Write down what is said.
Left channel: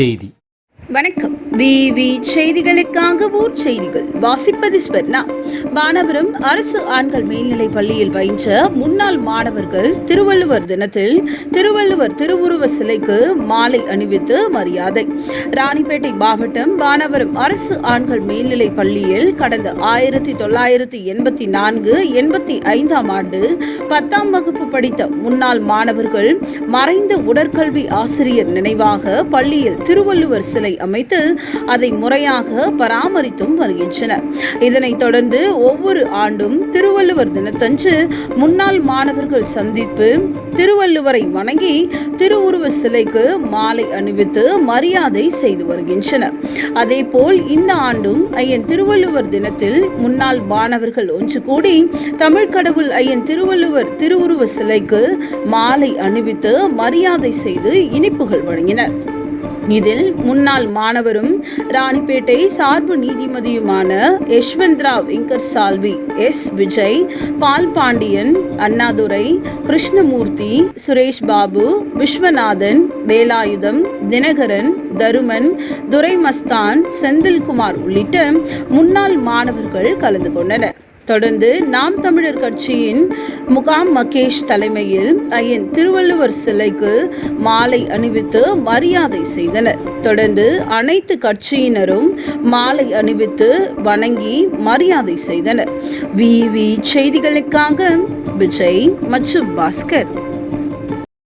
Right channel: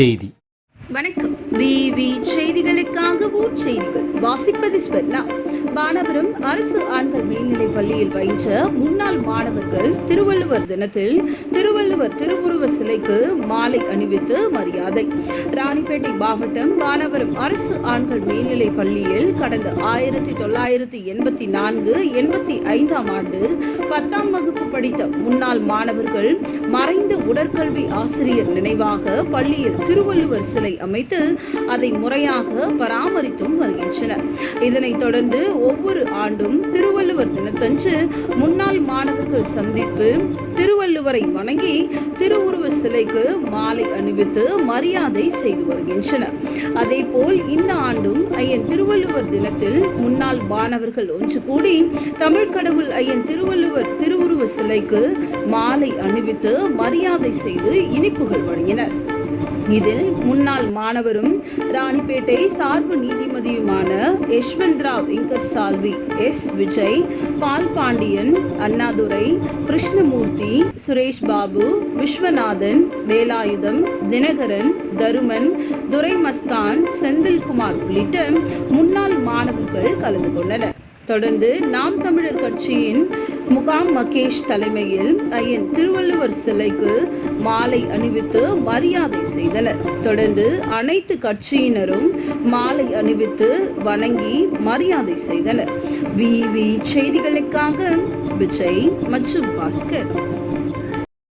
செய்தி வணக்கம். விவி செய்திகளுக்காக ஊர் செய்திகள். வாசிப்பது ஸ்வர்ணா. வானபுரம் அரசு ஆண்கள் மேல்நிலைப் பள்ளியில் பயின்ற முன்னாள் மாணவர்கள் திருவள்ளுவர் தினத்தில் திருவள்ளுவர் திருவுருவ சிலைக்கு மாலை அணிவித்து மரியாதை. ராணிப்பேட்டை மாவட்டம் வானபுரம் அரசு ஆண்கள் மேல்நிலைப் பள்ளியில் கடந்த ஆயிரத்தி தொள்ளாயிரத்தி எண்பத்தி நான்கு எண்பத்தி ஐந்தாம் ஆண்டு பத்தாம் வகுப்பு படித்த முன்னாள் மாணவர்கள் மறைந்த உடற்கல்வி ஆசிரியர் நினைவாக பள்ளியில் திருவள்ளுவர் சிலை அமைத்து அதை முறையாக பராமரித்தும் வருகின்றனர். இதனைத் தொடர்ந்து ஒவ்வொரு ஆண்டும் திருவள்ளுவர் தினத்தன்று முன்னாள் மாணவர்கள் சந்திப்பு திருவள்ளுவரை வணங்கி திருவுருவ சிலைக்கு மாலை அணிவித்து மரியாதை செய்து வருகின்றனர். அதேபோல் இந்த ஆண்டும் ஐயன் திருவள்ளுவர் தினத்தில் முன்னாள் மாணவர்கள் ஒன்று கூடி தமிழ் கடவுள் ஐயன் திருவள்ளுவர் திருவுருவ சிலைக்கு மாலை அணிவித்து மரியாதை செய்து இனிப்புகள் வழங்கினர். இதில் முன்னாள் மாணவரும் ராணிப்பேட்டை சார்பு நீதிமதியுமான யஷ்வந்த்ராவ் இங்கர் சால்வி எஸ். விஜய் பால் பாண்டியன் அண்ணாதுரை கிருஷ்ணமூர்த்தி சுரேஷ் பாபு விஸ்வநாதன் வேலாயுதம் தினகரன் தருமன் துரைமஸ்தான் செந்தில்குமார் உள்ளிட்ட முன்னாள் மாணவர்கள் கலந்து கொண்டனர். தொடர்ந்து நாம் தமிழர் கட்சியின் முகாம் மகேஷ் தலைமையில் ஐயன் திருவள்ளுவர் சிலைக்கு மாலை அணிவித்து மரியாதை செய்தனர். தொடர்ந்து அனைத்து கட்சியினரும் மாலை அணிவித்து வணங்கி மரியாதை செய்தனர். விவி செய்திகளுக்காக விஜய் மற்றும் பாஸ்கர்.